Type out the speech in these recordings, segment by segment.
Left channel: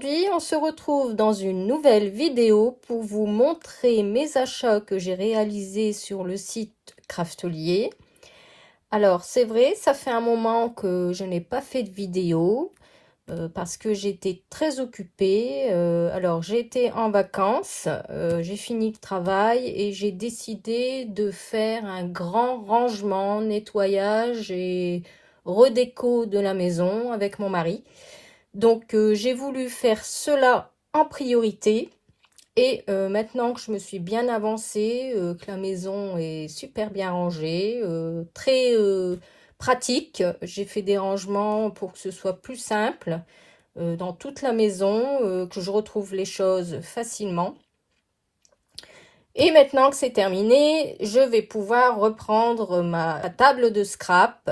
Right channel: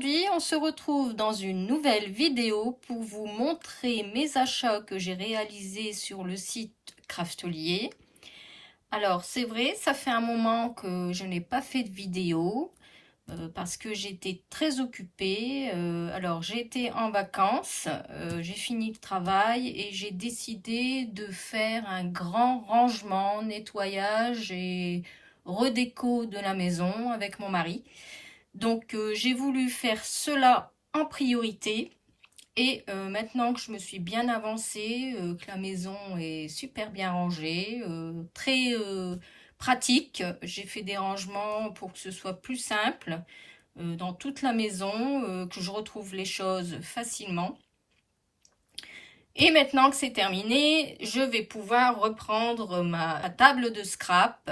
Aujourd'hui, on se retrouve dans une nouvelle vidéo pour vous montrer mes achats que j'ai réalisés sur le site Craftelier. Alors, c'est vrai, ça fait un moment que je n'ai pas fait de vidéo parce que j'étais très occupée. Alors, j'ai été en vacances, j'ai fini le travail et j'ai décidé de faire un grand rangement, nettoyage et redéco de la maison avec mon mari. Donc j'ai voulu faire cela en priorité et maintenant que je me suis bien avancée, que la maison est super bien rangée, très pratique, j'ai fait des rangements pour que ce soit plus simple dans toute la maison, que je retrouve les choses facilement. Et maintenant que c'est terminé, je vais pouvoir reprendre ma table de scrap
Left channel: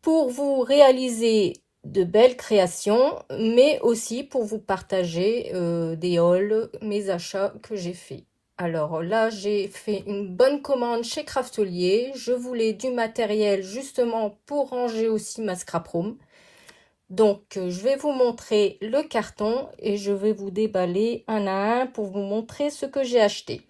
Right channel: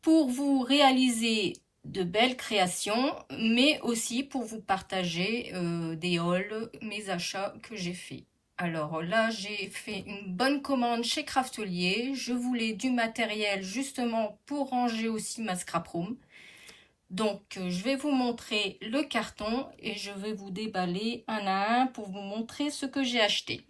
pour vous réaliser de belles créations, mais aussi pour vous partager des hauls, mes achats que j'ai faits. Alors là, j'ai fait une bonne commande chez Craftelier. Je voulais du matériel justement pour ranger aussi ma scrap room. Donc, je vais vous montrer le carton et je vais vous déballer un à un pour vous montrer ce que j'ai acheté.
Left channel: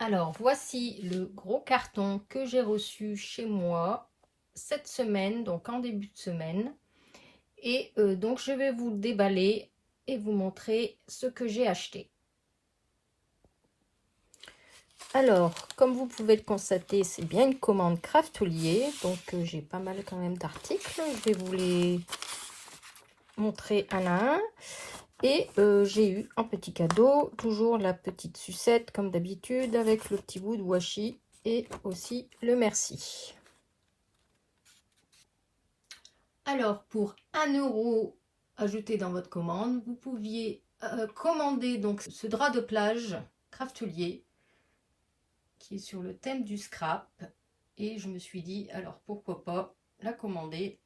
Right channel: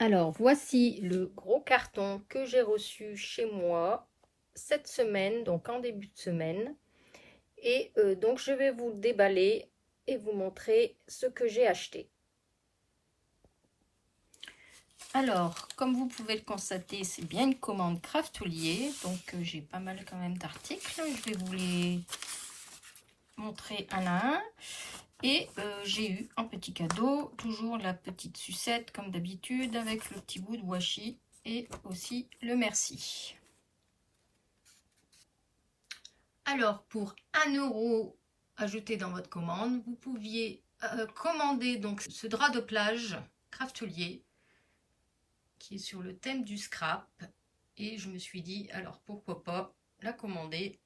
Alors, voici le gros carton que j'ai reçu chez moi cette semaine, donc en début de semaine. Et donc, je vais vous le déballer et vous montrer ce que j'ai acheté. Alors, comme vous pouvez le constater, c'est bien une commande Craftelier. Donc, j'ai pas mal quand même d'articles. Je vais vous les montrer un à un. Et j'ai eu en petit cadeau toujours la petite sucette comme d'habitude avec le petit bout de washi et aussi le merci. Alors pour 1 € ajouté dans votre commande, vous pouviez commander donc ce drap de plage Craftelier qui est sur le thème du scrap et je me suis dit alors pourquoi pas la commander.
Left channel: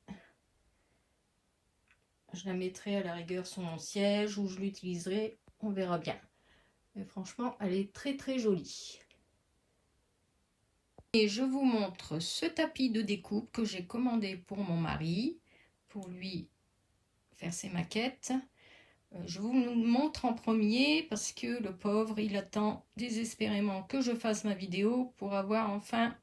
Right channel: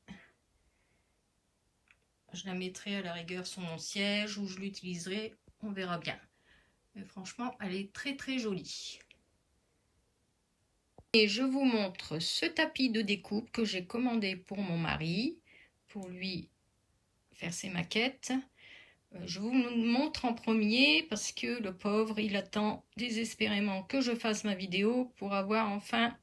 Je la mettrai à la rigueur sur mon siège ou je l'utiliserai, on verra bien. Mais franchement, elle est très très jolie. Et je vous montre ce tapis de découpe que j'ai commandé pour mon mari, pour lui faire ses maquettes. Je vous le montre en premier parce que le pauvre, il attend désespérément que je fasse ma vidéo pour avoir enfin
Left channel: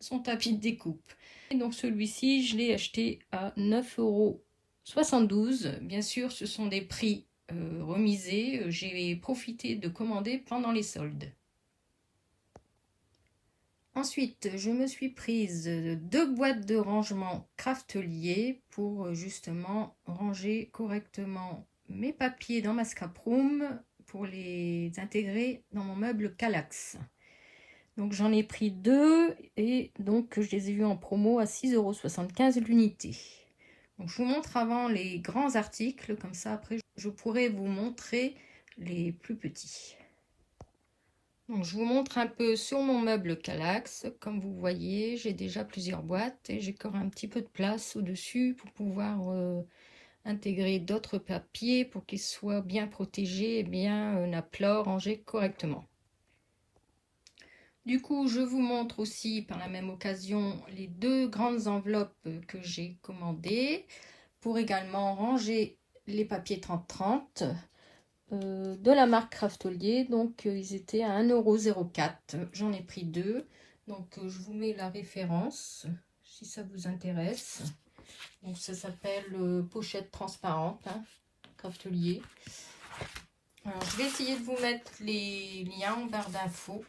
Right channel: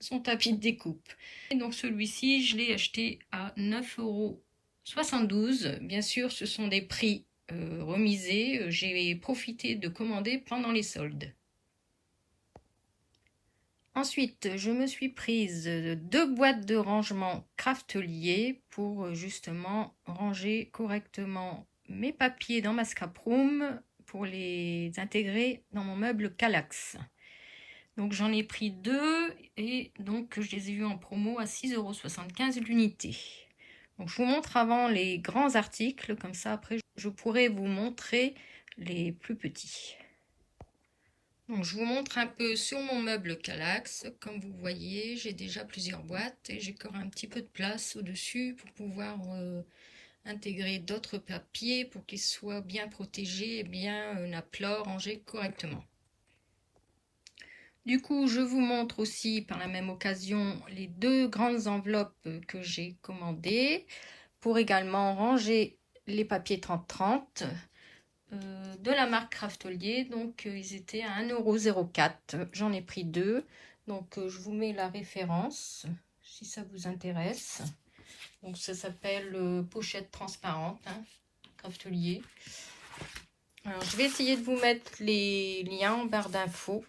son tapis de découpe. Et donc celui-ci, je l'ai acheté à 9,72 €. Bien sûr, ce sont des prix remisés. J'ai profité de commander pendant les soldes. Ensuite, je me suis prise 2 boîtes de rangement Craftelier pour justement ranger correctement mes papiers dans ma scrap room pour les intégrer dans mon meuble Kallax. Donc j'en ai pris 2 et donc je les ai vus en promo à 6,75 € l'unité. Donc je vous montre avant les grands articles, comme ça après je pourrai vous montrer les plus petits. Donc, je vous montre un peu sur mon meuble Kallax. Comme vous voyez, j'ai déjà plusieurs boîtes et j'ai encore un petit peu de place au-dessus pour pouvoir intégrer d'autres papiers pour qu'ils soient bien protégés et bien à plat, rangés correctement. Du coup, je vous montre aussi par la même occasion les 2 grandes enveloppes que j'ai commandées pour également ranger les papiers 30-30. De la marque Craftelier, donc ils étaient à 1,04 €. J'en ai pris 2, donc je vous mets la référence si ça vous intéresse. Donc ça s'appelle pochette transparente, hein, Craftelier. Alors je vais essayer de vous mettre les liens en barre d'infos.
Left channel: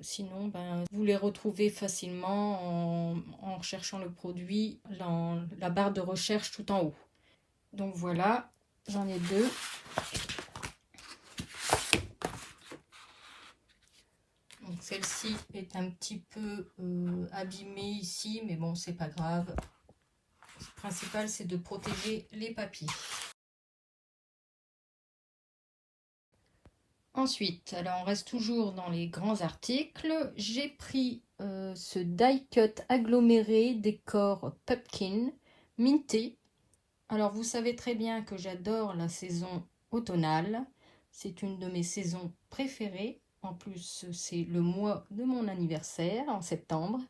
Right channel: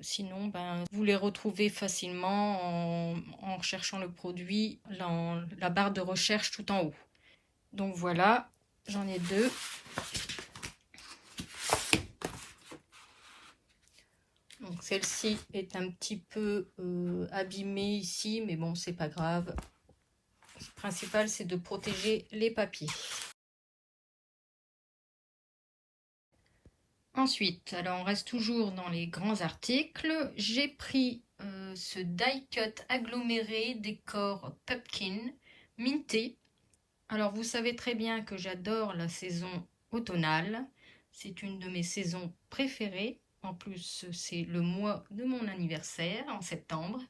Sinon, ben, vous les retrouvez facilement en recherchant le produit dans la barre de recherche tout en haut. Donc voilà, j'en ai 2. Donc celle-ci est un petit peu abîmée ici, mais bon, c'est pas grave. Le principal, c'est de protéger les papiers. Ensuite, alors on reste toujours dans les grands articles. J'ai pris ce die cut aggloméré décor pumpkin minté. Alors vous savez très bien que j'adore la saison automnale. C'est une de mes saisons préférées. En plus, c'est le mois de mon anniversaire, en septembre.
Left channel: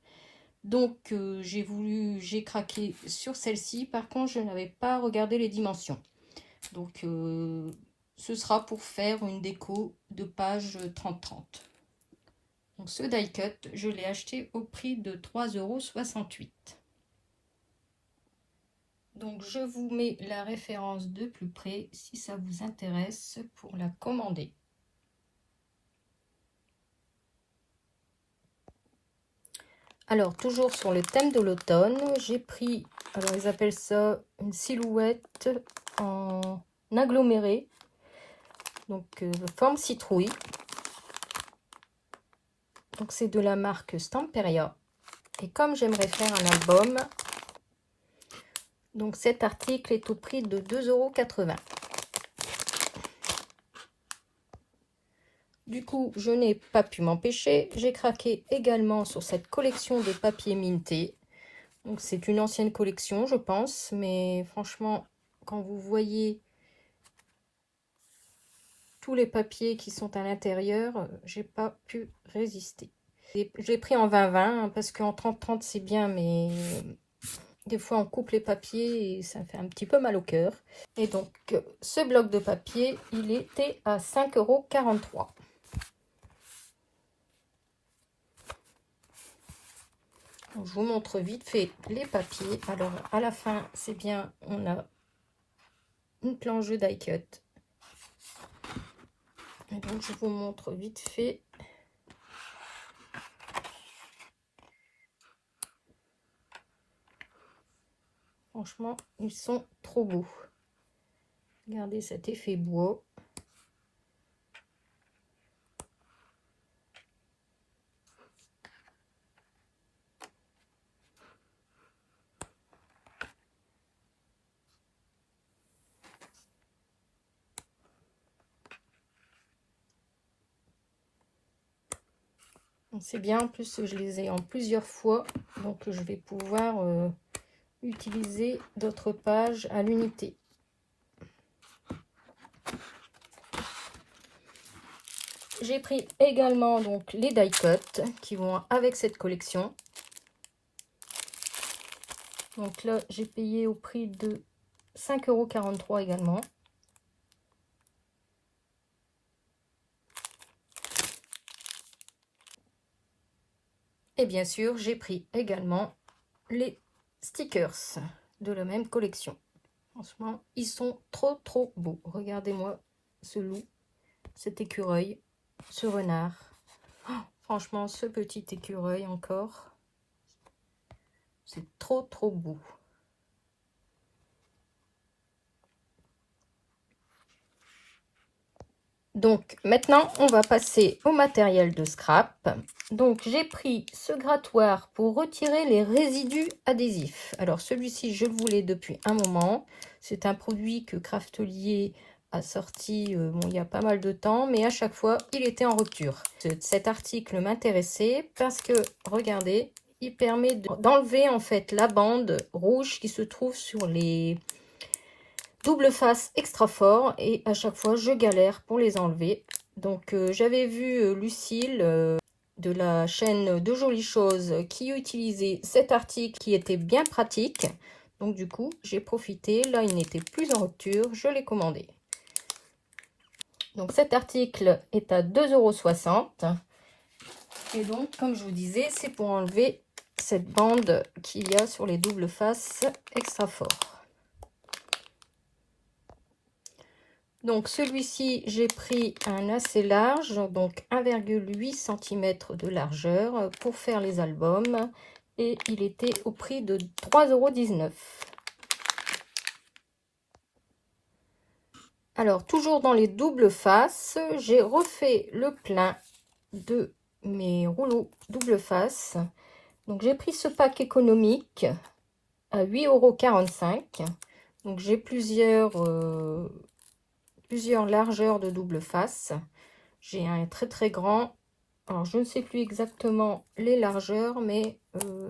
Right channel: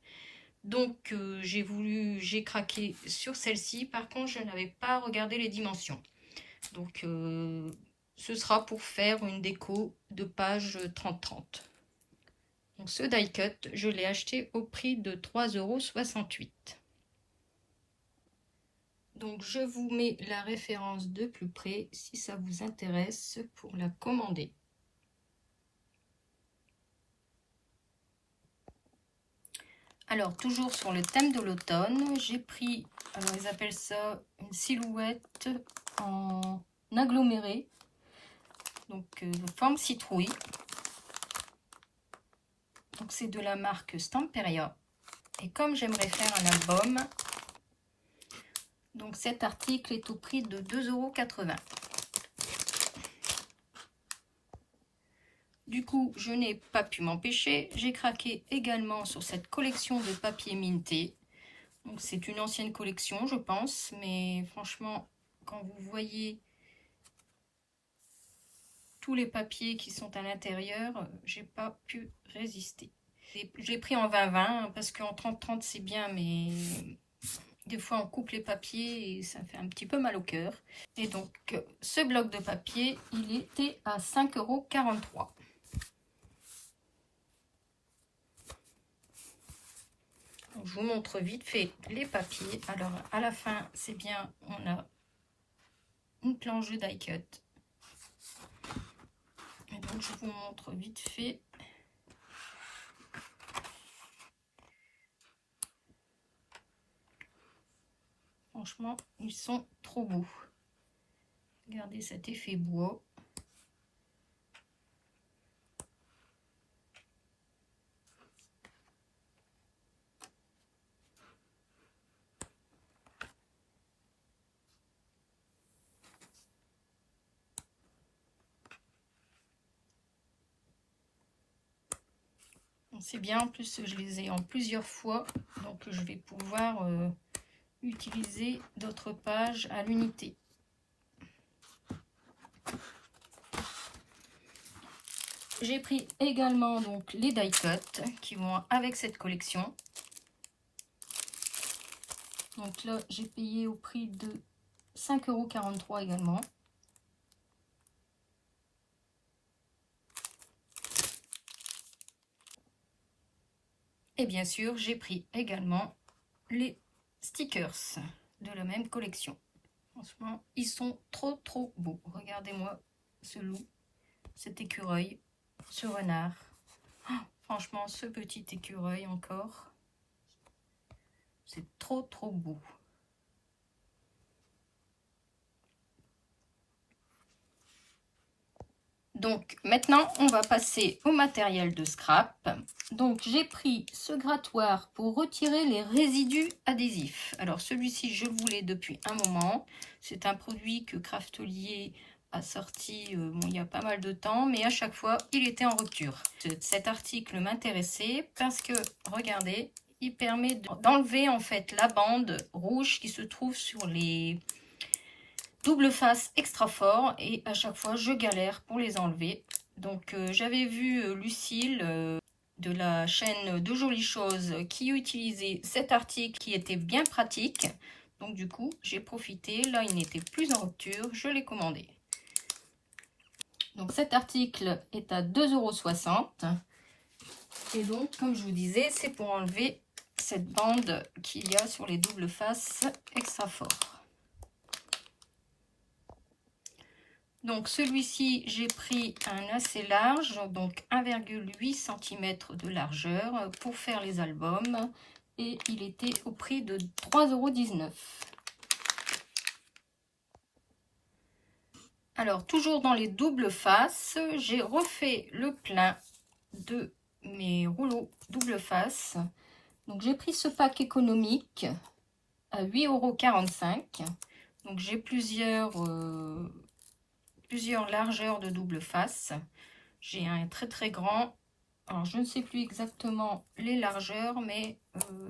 Donc j'ai craqué sur celle-ci. Par contre, je n'avais pas regardé les dimensions. Donc ce sera pour faire une déco de page 30-30. Donc ce die cut, je l'ai acheté au prix de 3,68 €. Donc je vous mets la référence de plus près si ça vous intéresse pour la commander. Alors toujours sur le thème de l'automne, j'ai pris, alors ils appellent ça une silhouette en aggloméré, donc forme citrouille. Donc c'est de la marque Stamperia. Et comme j'aimerais faire un album, donc cet article est au prix de 2,80 €. Du coup, je n'ai pas pu m'empêcher. J'ai craqué également sur cette collection de papier minté. Donc c'est une ancienne collection, je pense, mais franchement, quand vous voyez tous les papiers qui sont à l'intérieur, j'ai pas pu résister. J'ai pris en 20-20 parce qu'en 30-30 c'est bien, mais des fois on coupe les papiers et ça fait un petit peu mal au cœur. Et donc ce bloc de papier, il était à 5,43 €. Je vous montre vite fait les papiers. Alors à la fin, c'est bien, on a une planche de die cut. Et donc je vous montre vite fait. Franchement, ils sont trop beaux. Regardez cet effet bois. C'est bien, en plus je les ai en plusieurs fois, donc je vais pouvoir utiliser d'autres pages à l'unité. J'ai pris également donc les die cut qui vont avec cette collection. Donc là, j'ai payé au prix de 5,43 € également. Et bien sûr, j'ai pris également les stickers de la même collection. Franchement, ils sont trop beaux. Regardez-moi ce loup, cet écureuil, ce renard. Oh, franchement, ce petit écureuil encore. C'est trop beau. Donc maintenant, on va passer au matériel de scrap. Donc j'ai pris ce grattoir pour retirer les résidus adhésifs. Alors celui-ci, je le voulais depuis un moment. C'est un produit que Craftelier a sorti bon, il y a pas mal de temps, mais à chaque fois, il était en rupture. Cet article m'intéressait parce que, regardez, il permet d'enlever en fait la bande rouge qui se trouve sur les double face extra fort, et à chaque fois je galère pour les enlever. Donc j'avais vu Lucille de la chaîne De Jolies Choses qui utilisait cet article qui était bien pratique. Donc du coup j'ai profité, là il n'était plus en rupture, je l'ai commandé. Donc cet article est à 2,60 €. Et donc comme je vous disais, c'est pour enlever cette bande qu'il y a sur les double faces extra fort. Donc celui-ci, j'ai pris un assez large, donc 1,8 cm de largeur pour faire les albums. Et il était au prix de 3,19 €. Alors, toujours dans les doubles faces, j'ai refait le plein de mes rouleaux double face. Donc, j'ai pris ce pack économique à 8,45 €. Donc, j'ai plusieurs largeurs de double face. J'ai un très grand. Alors, je ne sais plus exactement les largeurs, mais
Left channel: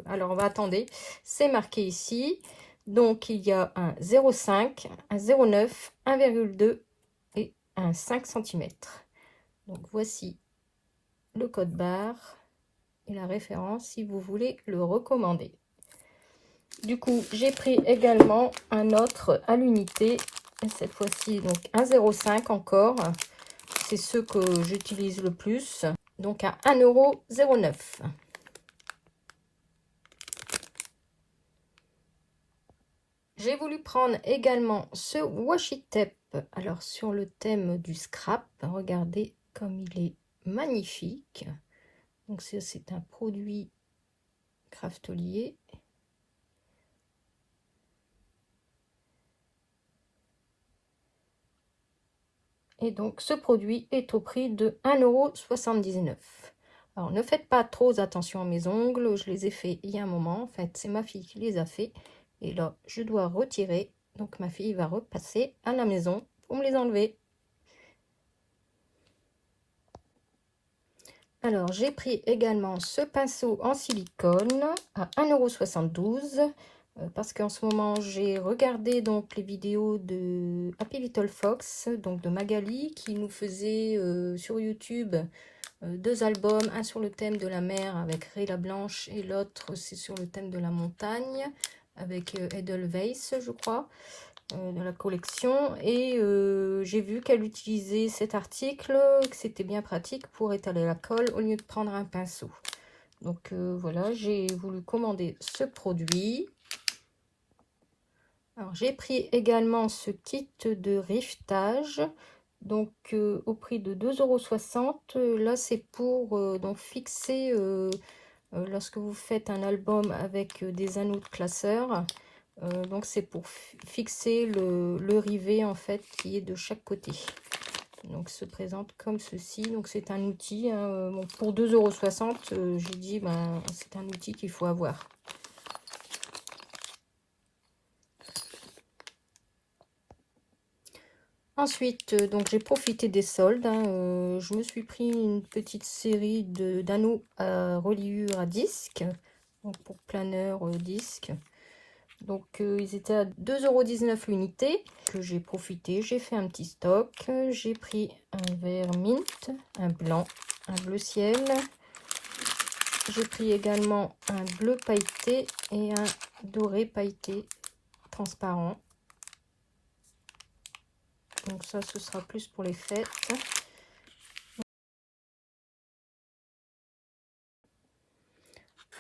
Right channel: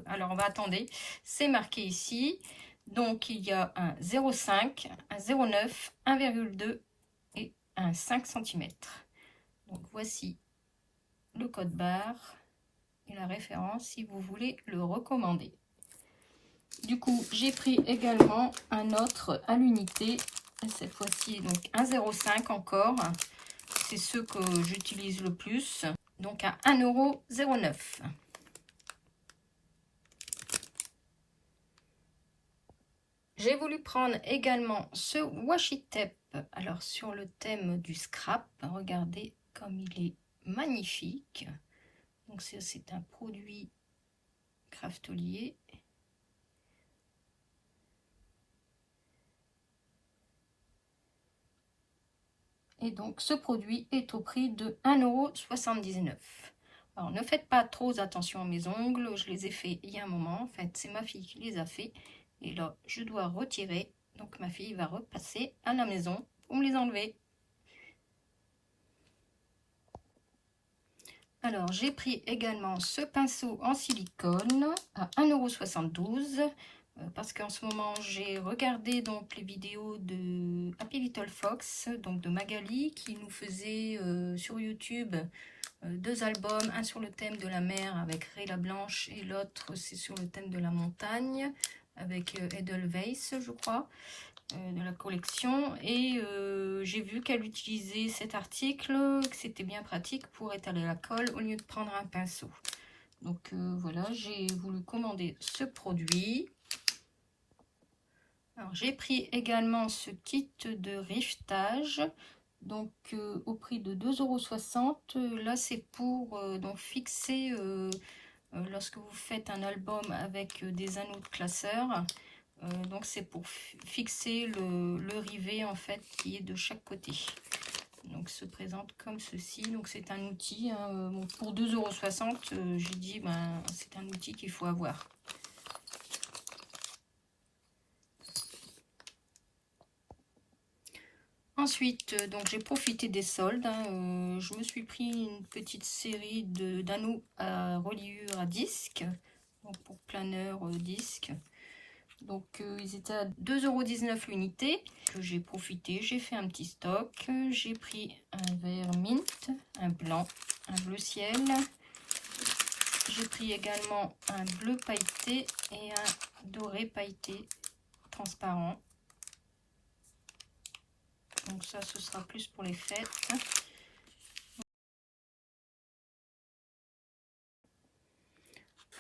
alors, attendez, c'est marqué ici. Donc, il y a un 0,5, un 0,9, 1,2 et un 5 cm. Donc, voici le code barre. et la référence si vous voulez le recommander. Du coup, j'ai pris également un autre à l'unité, cette fois-ci donc 1,05 encore. C'est ceux que j'utilise le plus, donc à 1,09 €. J'ai voulu prendre également ce washi tape. Alors sur le thème du scrap, regardez comme il est magnifique. Donc c'est un produit Craftelier. Et donc ce produit est au prix de 1,79 €. Alors ne faites pas trop attention à mes ongles, je les ai fait il y a un moment. En fait, c'est ma fille qui les a fait. Et là, je dois retirer. Donc ma fille va repasser à la maison pour me les enlever. Alors j'ai pris également ce pinceau en silicone à 1,72 € parce qu'en ce moment j'ai regardé donc les vidéos de Happy Little Fox, donc de Magali, qui nous faisait sur YouTube 2 albums, un sur le thème de la mer avec Ray la Blanche et l'autre c'est sur le thème de la montagne avec Edelweiss, je crois, de la collection. Et j'ai vu qu'elle utilisait cet article, que c'était bien pratique pour étaler la colle au lieu de prendre un pinceau. Donc voilà, j'ai voulu commander ce produit. Alors j'ai pris également ce kit de riftage, donc au prix de 2,60 €. Là c'est pour donc fixer, lorsque vous faites un album avec des anneaux de classeur, donc c'est pour fixer le rivet en fait qui est de chaque côté. Donc se présente comme ceci. Donc c'est un outil, hein, bon, pour 2,60 €, j'ai dit ben c'est un outil qu'il faut avoir. Ensuite, donc j'ai profité des soldes, hein, je me suis pris une petite série d'anneaux à reliure à disque, donc pour planeur disque. Donc ils étaient à 2,19 € l'unité, que j'ai profité, j'ai fait un petit stock. J'ai pris un vert mint, un blanc, un bleu ciel. J'ai pris également un bleu pailleté et un doré pailleté transparent. Donc ça, ce sera plus pour les fêtes.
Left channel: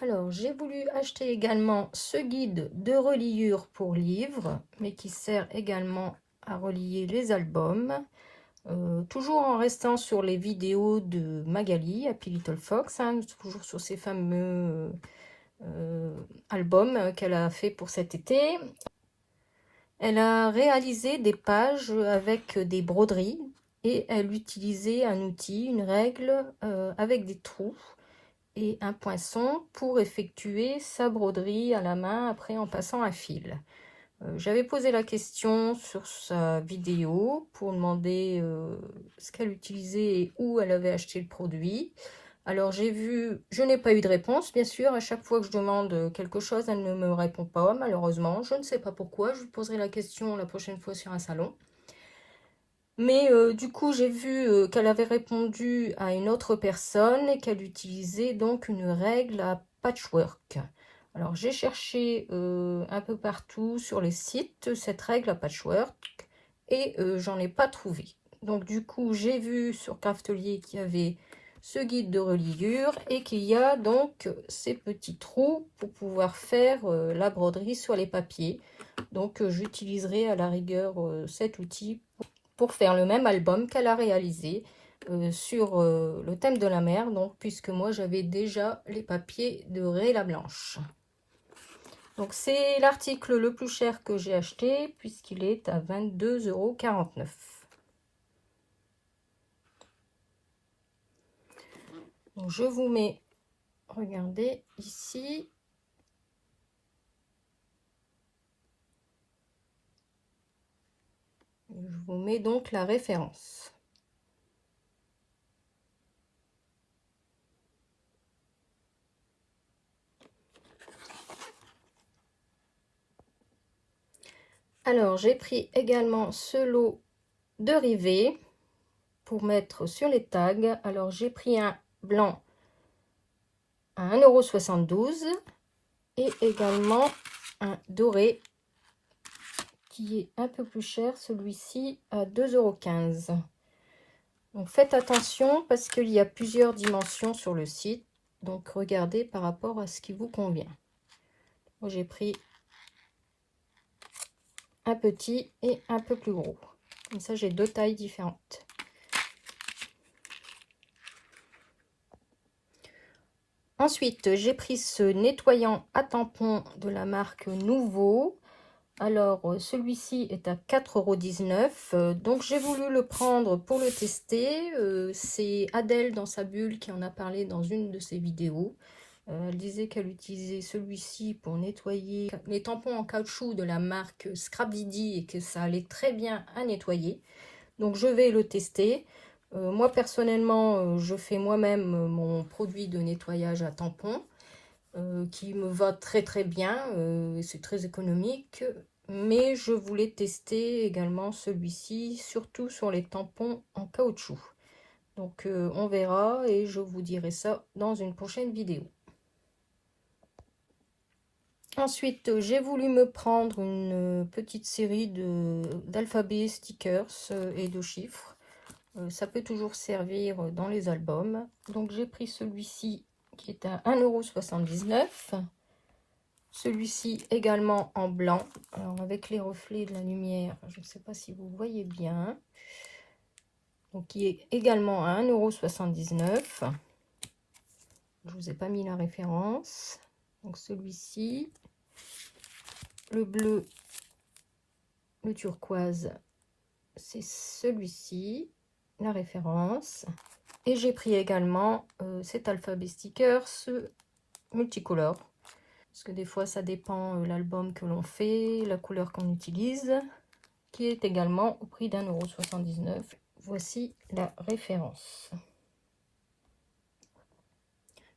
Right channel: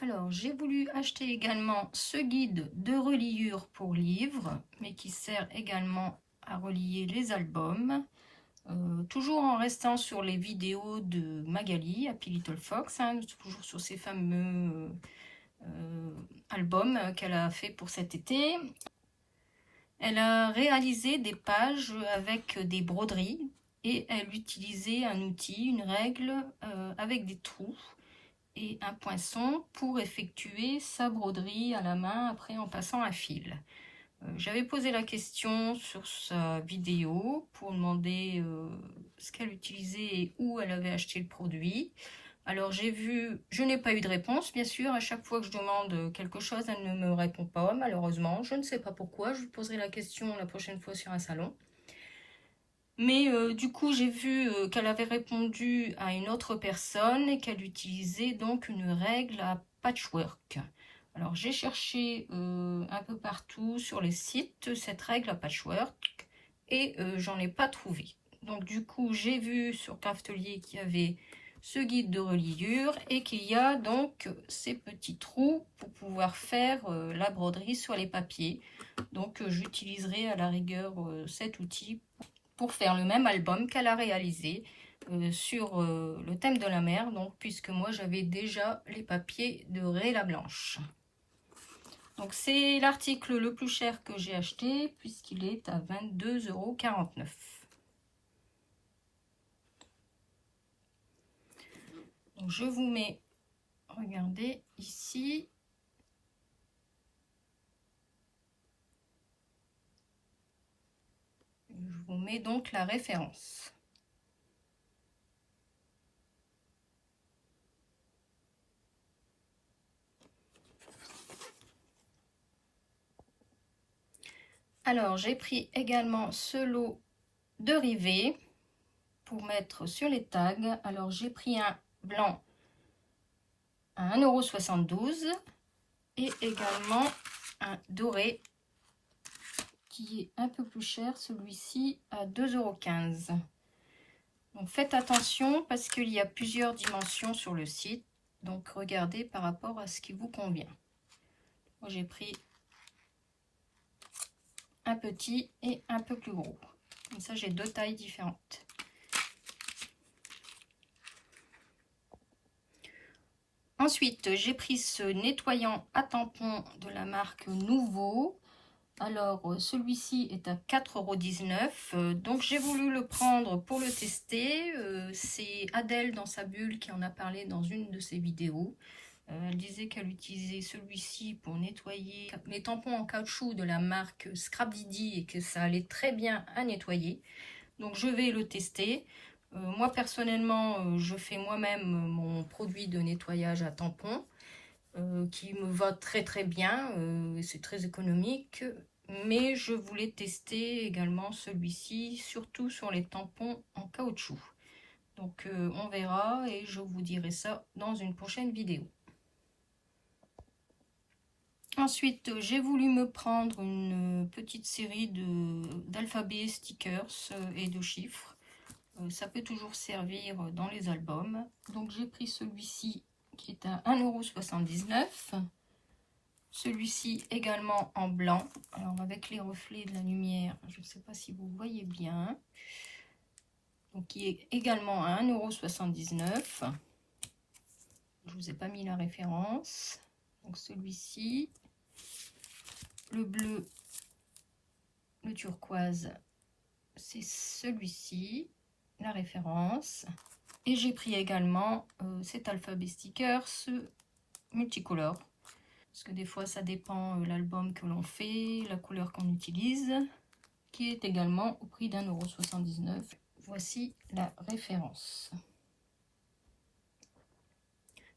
Alors, j'ai voulu acheter également ce guide de reliure pour livres, mais qui sert également à relier les albums. Toujours en restant sur les vidéos de Magali, Happy Little Fox, hein, toujours sur ces fameux albums qu'elle a fait pour cet été. Elle a réalisé des pages avec des broderies et elle utilisait un outil, une règle avec des trous et un poinçon pour effectuer sa broderie à la main après en passant un fil. J'avais posé la question sur sa vidéo pour demander ce qu'elle utilisait et où elle avait acheté le produit. Alors j'ai vu, je n'ai pas eu de réponse, bien sûr. À chaque fois que je demande quelque chose, elle ne me répond pas, malheureusement. Je ne sais pas pourquoi, je lui poserai la question la prochaine fois sur un salon. Mais du coup, j'ai vu qu'elle avait répondu à une autre personne et qu'elle utilisait donc une règle à patchwork. Alors, j'ai cherché un peu partout sur les sites cette règle à patchwork et j'en ai pas trouvé. Donc, du coup, j'ai vu sur Craftelier qu'il y avait ce guide de reliure et qu'il y a donc ces petits trous pour pouvoir faire la broderie sur les papiers. Donc, j'utiliserai à la rigueur cet outil pour faire le même album qu'elle a réalisé sur le thème de la mer, donc puisque moi j'avais déjà les papiers de Ray la Blanche. Donc c'est l'article le plus cher que j'ai acheté puisqu'il est à 22,49 €. Donc je vous mets, regardez ici, je vous mets donc la référence. Alors j'ai pris également ce lot de rivets pour mettre sur les tags. Alors j'ai pris un blanc, à 1,72 € et également un doré qui est un peu plus cher, celui-ci à 2,15 €. Donc faites attention parce qu'il y a plusieurs dimensions sur le site, donc regardez par rapport à ce qui vous convient. Moi j'ai pris un petit et un peu plus gros, comme ça j'ai deux tailles différentes. Ensuite, j'ai pris ce nettoyant à tampon de la marque Nouveau. Alors, celui-ci est à 4,19 €. Donc, j'ai voulu le prendre pour le tester. C'est Adèle dans sa bulle qui en a parlé dans une de ses vidéos. Elle disait qu'elle utilisait celui-ci pour nettoyer les tampons en caoutchouc de la marque Scrap Didi et que ça allait très bien à nettoyer. Donc, je vais le tester. Moi, personnellement, je fais moi-même mon produit de nettoyage à tampons qui me va très très bien. C'est très économique. Mais je voulais tester également celui-ci, surtout sur les tampons en caoutchouc. Donc, on verra et je vous dirai ça dans une prochaine vidéo. Ensuite, j'ai voulu me prendre une petite série d'alphabets, stickers et de chiffres. Ça peut toujours servir dans les albums. Donc j'ai pris celui-ci qui est à 1,79 €. Celui-ci également en blanc. Alors avec les reflets de la lumière, je ne sais pas si vous voyez bien. Donc qui est également à 1,79 €. Je ne vous ai pas mis la référence. Donc celui-ci. Le bleu, le turquoise, c'est celui-ci. La référence. Et j'ai pris également cet alphabet sticker, ce multicolore. Parce que des fois, ça dépend l'album que l'on fait, la couleur qu'on utilise, qui est également au prix d'1,79 €. Voici la référence.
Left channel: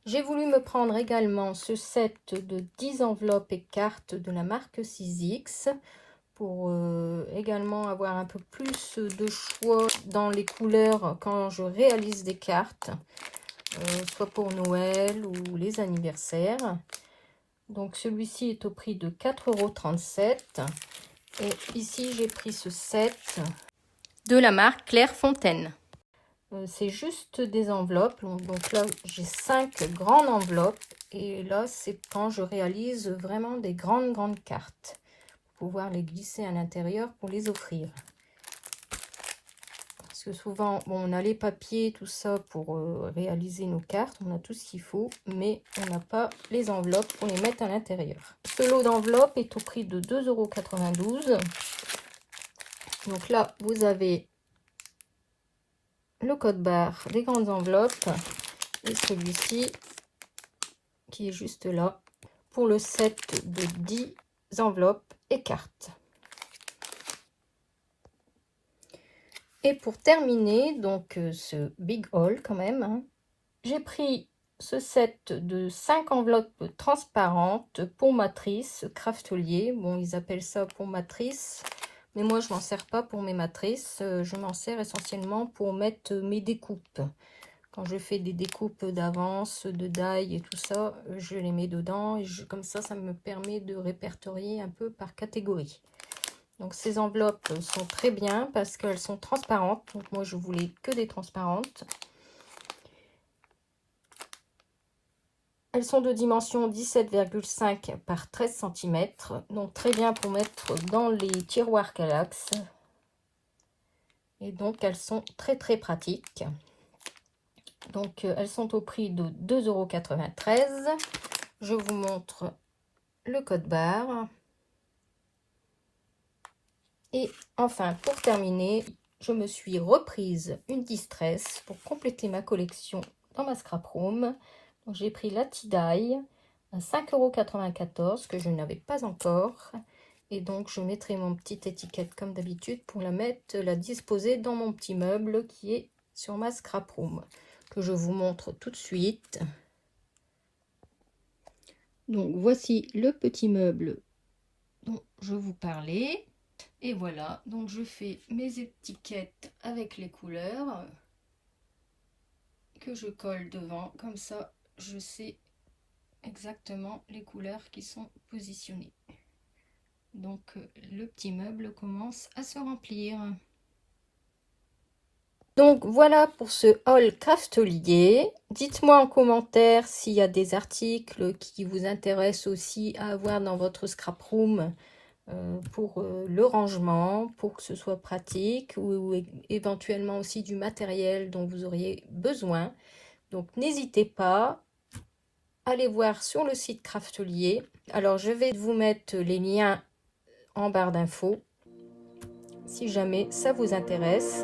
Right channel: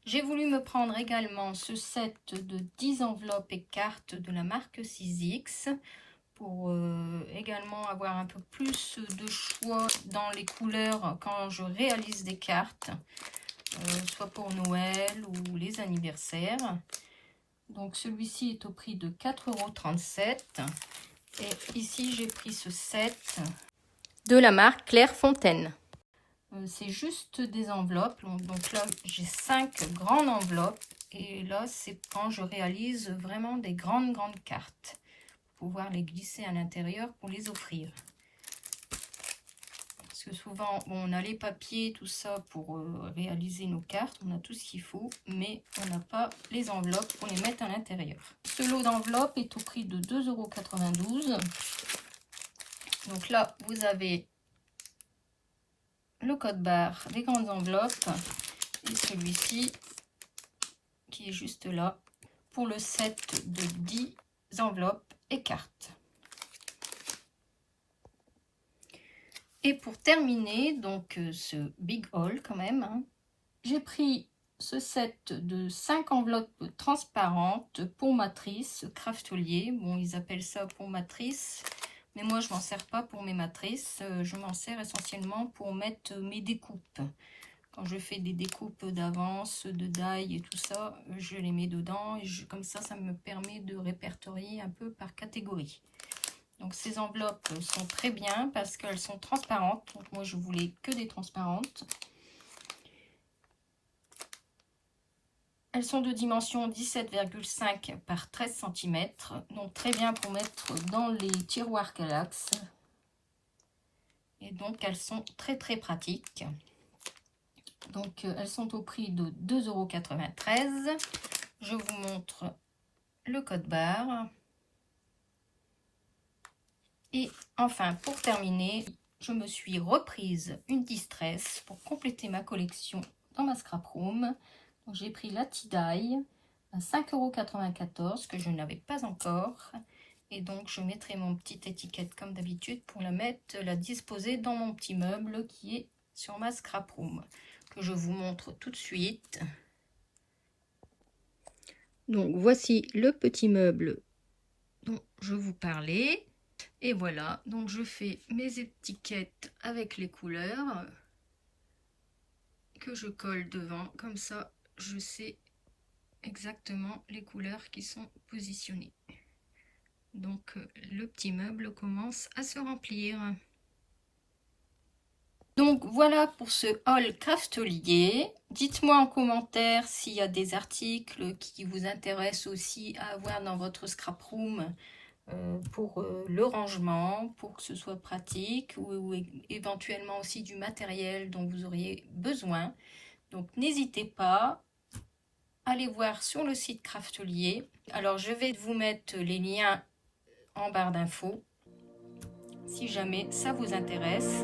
J'ai voulu me prendre également ce set de 10 enveloppes et cartes de la marque 6X. Pour également avoir un peu plus de choix dans les couleurs quand je réalise des cartes, soit pour Noël ou les anniversaires. Donc celui-ci est au prix de 4,37 € et ici j'ai pris ce set de la marque Clairefontaine. C'est juste des enveloppes, donc là j'ai 5 grandes enveloppes et là c'est quand je réalise vraiment des grandes cartes. Pouvoir les glisser à l'intérieur pour les offrir. Parce que souvent, bon, on a les papiers, tout ça pour réaliser nos cartes. On a tout ce qu'il faut, mais on n'a pas les enveloppes pour les mettre à l'intérieur. Ce lot d'enveloppes est au prix de 2,92 €. Donc là, vous avez le code barre des grandes enveloppes et celui-ci qui est juste là pour le set de 10 enveloppes et cartes. Et pour terminer, donc ce big haul quand même, hein, j'ai pris ce set de 5 enveloppes transparentes pour matrice Craftelier. Bon, ils appellent ça pour matrice, mais moi je m'en sers pas pour mes matrices. Je m'en sers essentiellement pour mettre mes découpes. Quand je fais des découpes d'avance, de die et tout ça, je les mets dedans. Et comme ça me permet de répertorier un peu par catégorie. Donc ces enveloppes sont très bien parce qu'elles sont transparentes. Donc moi je voulais que des transparentes. Elles sont de dimension 17,5 par 13 cm. Donc très bien pour mettre dans les tiroirs Kallax. Et donc elles sont très pratiques. Donc elles sont au prix de 2,93 €. Je vous montre le code barre. Et enfin, pour terminer, je me suis reprise une distress pour compléter ma collection dans ma scrap room. J'ai pris la Tie-Dye à 5,94 € que je n'avais pas encore. Et donc, je mettrai mon petite étiquette comme d'habitude pour la disposer dans mon petit meuble qui est sur ma scrap room, que je vous montre tout de suite. Donc, voici le petit meuble dont je vous parlais. Et voilà, donc je fais mes étiquettes avec les couleurs que je colle devant. Comme ça, je sais exactement les couleurs qui sont positionnées. Donc le petit meuble commence à se remplir. Donc voilà pour ce haul Craftelier. Dites-moi en commentaire s'il y a des articles qui vous intéressent aussi à avoir dans votre scrap room pour le rangement, pour que ce soit pratique, ou éventuellement aussi du matériel dont vous auriez besoin. Donc n'hésitez pas, allez voir sur le site Craftelier. Alors je vais vous mettre les liens en barre d'infos si jamais ça vous intéresse.